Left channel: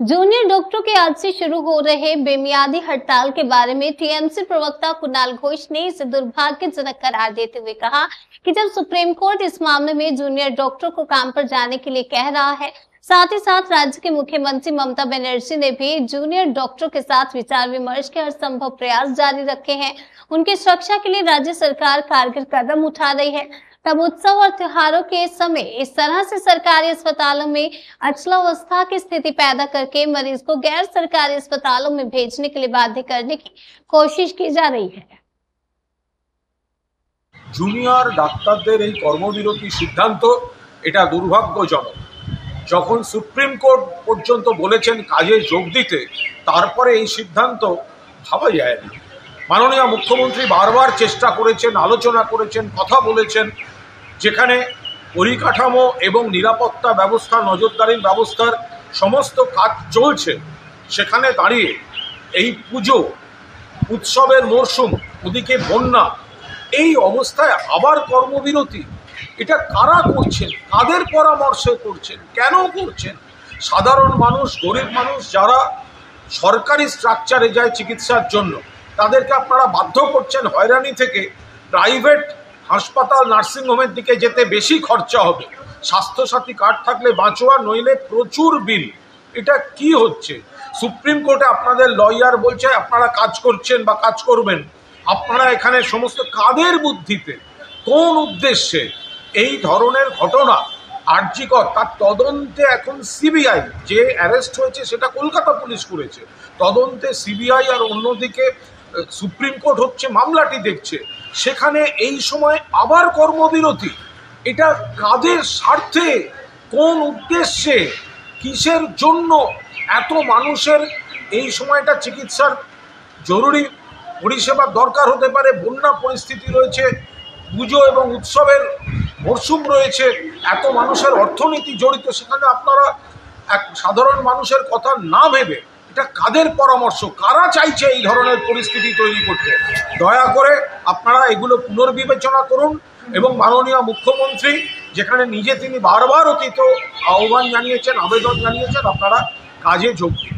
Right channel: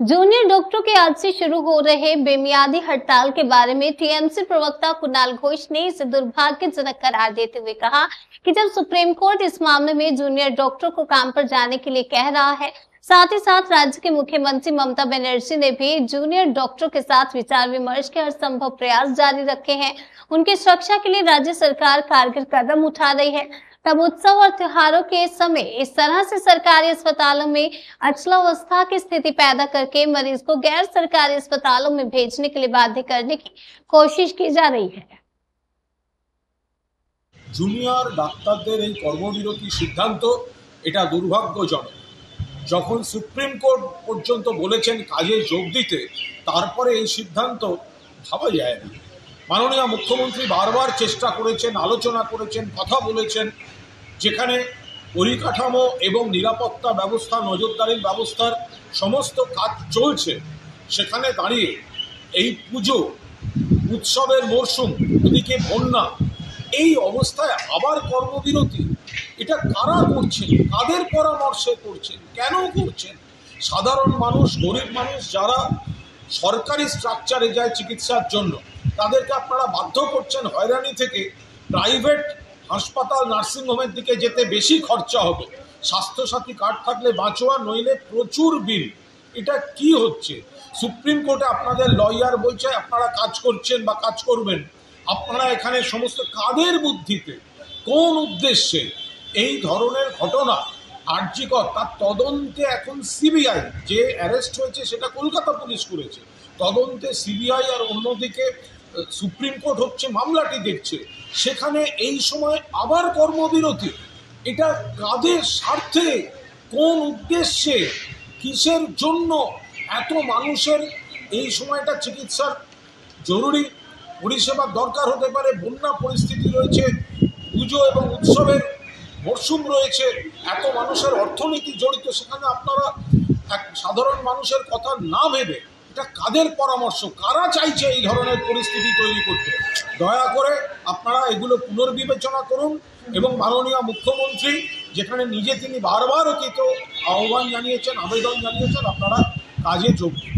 Junior डॉक्टरों के आज से शुरू हो रहे बेमियादी हड़ताल के बारे में टीएमसी प्रवक्ता कुणाल घोष ने इसे दुर्भाग्यजनक करार देते हुए कहा कि जब सुप्रीम कोर्ट इस मामले में जूनियर डॉक्टरों को काम पर जाने के लिए कह रहा है, साथ ही साथ राज्य के मुख्यमंत्री ममता बनर्जी ने भी जूनियर डॉक्टरों के साथ विचार विमर्श के हर संभव प्रयास जारी रखे हैं। उनकी सुरक्षा के लिए राज्य सरकार कारगर कदम उठा रही है। तब उत्सव और त्योहारों के समय इस तरह से सरकारी अस्पतालों में अचलावस्था की स्थिति पैदा करके मरीज को गैर सरकारी अस्पतालों में भेजने के लिए बाध्य करने की कोशिश की जा रही है। জুনিয়র ডাক্তারদের এই কর্মবিরতি সিদ্ধান্ত এটা দুর্ভাগ্যজনক। যখন সুপ্রিম কোর্ট পর্যন্ত বলেছেন কাজে যোগ দিতে, তারপরে এই সিদ্ধান্ত ভাবা যায় না। মাননীয় মুখ্যমন্ত্রী বারবার চেষ্টা করেছেন, আলোচনা করেছেন, কথা বলেছেন, যেখানে পরিকাঠামো এবং নিরাপত্তা ব্যবস্থা, নজরদারির ব্যবস্থার সমস্ত কাজ চলছে, সেখানে দাঁড়িয়ে এই পুজো উৎসবের মরশুম, ওদিকে বন্যা, এই অবস্থায় আবার কর্মবিরতি, এটা কারা করছেন, কাদের পরামর্শে করছেন, কেন করছেন? সাধারণ মানুষ, গরিব মানুষ যারা সরকারি স্ট্রাকচারে যায় চিকিৎসার জন্য, তাদেরকে আপনারা বাধ্য করছেন হয়রানি থেকে প্রাইভেট হাসপাতাল, নার্সিংহোমের দিকে যেতে বেশি খরচা হবে। স্বাস্থ্যসাথী কার্ড থাকলে বাঁচোয়া, নইলে প্রচুর বিল। এটা কি হচ্ছে? সুপ্রিম কোর্টে আপনাদের লয়ার বলছে আপনারা কাজ করছেন বা কাজ করবেন। আপনারা এখানে সমস্ত কাদের বুদ্ধিতে, কোন উদ্দেশ্যে এই ধরনের ঘটনা আরজিকর, তার তদন্তে এখন সিবিআই, যে অ্যারেস্ট হয়েছে সেটা কলকাতা পুলিশ করেছে, তদন্তে সিবিআই, আর অন্যদিকে সুপ্রিম কোর্ট হচ্ছে মামলাটি দেখছে, সেখানে এই সময় আবার কর্মবিরতি। এটা কাদের স্বার্থে, কোন উদ্দেশ্যে, কিসের জন্য? এত মানুষের এই সময়টা চিকিৎসার জরুরি পরিষেবার দরকার হতে পারে, বন্যা পরিস্থিতি রয়েছে, পুজো এবং উৎসবের মরশুম রয়েছে, এত মানুষের অর্থনীতি জড়িত, সেখানে আপনারা এক সাধারণ মানুষের কথা না ভেবে, এটা কাদের পরামর্শ, কারা চাইছে এই ধরনের পরিস্থিতি তৈরি করতে? দয়া করে আপনারা এগুলো পুনর্বিবেচনা করুন এবং মাননীয় মুখ্যমন্ত্রী যেখানে নিজে তিনি বারবার অতীত আহ্বান জানিয়েছেন, আবেদন জানিয়েছেন, আপনারা কাজে যোগ দিন।